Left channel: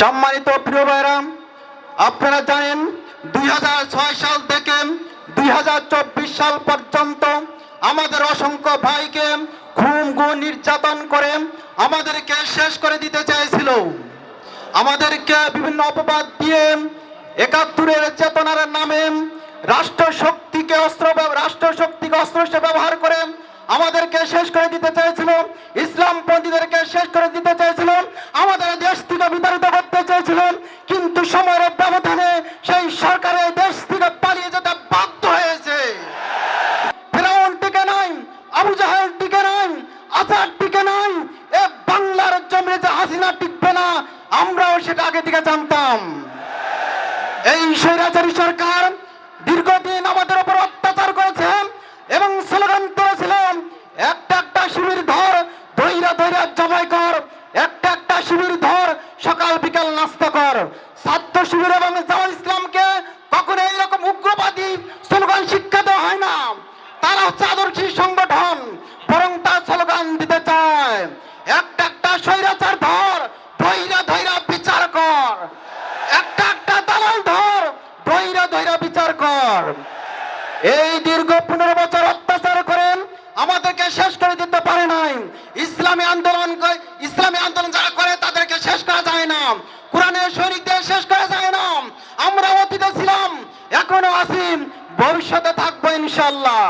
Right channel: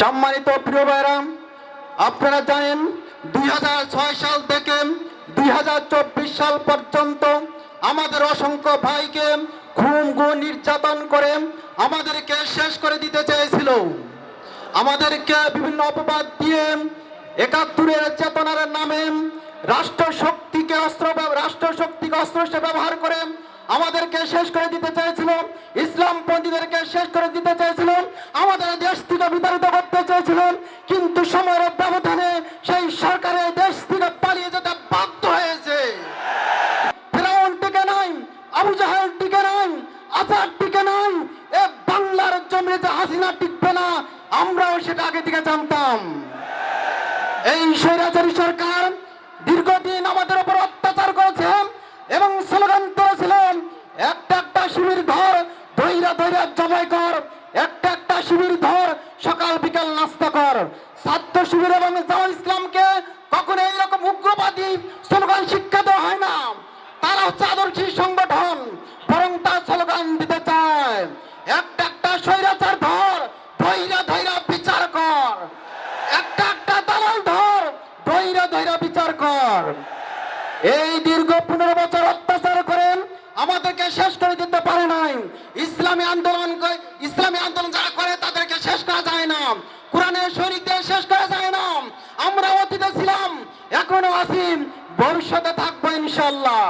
সম্মানিত প্রিয় ভাইরাম, আপনারা জানেন দুই সাল থেকে দুই সাল পর্যন্ত আমাদের অসংখ্য ভাইকে খুন গো, নির্যাতন করে আমাদেরকে শেষ করে দিতে চেয়েছিল। আমাদেরকে বিভিন্ন অপবাদ দিয়ে একাত্তরের চেতনার নামে রাষ্ট্র শক্তিকে অস্ত্র অস্ত্র ব্যবহার করে আমাদেরকে শেষ করে দিতে চেয়েছিল ইসলামপন্থীদেরকে শেষ করে দিতে চেয়েছিল, আমাদের দেশ থেকে বিতাড়িত করতে চেয়েছিল, কিন্তু সময়ের ব্যবধানে সেই সরকারের দেশ থেকে পালিয়ে যেতে বাধ্য হয়েছে। টিকে নাই, আবু টিকে নাই টিকে নাই, এ বাংলার জমিনে যে হাসিনা টিকবে না, আমরাও সেটা আগে থেকে জানতাম। এই সরকার দীর্ঘদিন আমাদের উপর দৈরা জমাই কর, একটা একটা শিবির ধর, সকাল বিকাল নাস্তা কর। ছাত্র শিবির এবং জামাল ইসলামকে কখনো এইরকম উগ্রবাদী স্লোগান শিক্ষা দেওয়া হয় না। তারা হচ্ছে আদর্শী সংগঠন, বরং তার স্লোগান দিতে চায়। একটা একটা স্বৈরাচার ধর ধৈরা ধৈরা বিচার কর। একটা একটা দালাল ধর ধৈরা ধৈরা বিচার কর। এই দীর্ঘ পনেরো বছর শেষ করে দিতে পারে নাই। ইসলামী আন্দোলন ইসলামী আন্দোলন যারা করে, তাদেরকে শেষ করা যায় না। কোরআনের শরীরকে শেষ করা যায় না। আমরা অতীতে ছিলাম, এখনও আসিম ভবিষ্যতে থাকব ইনশাল্লাহ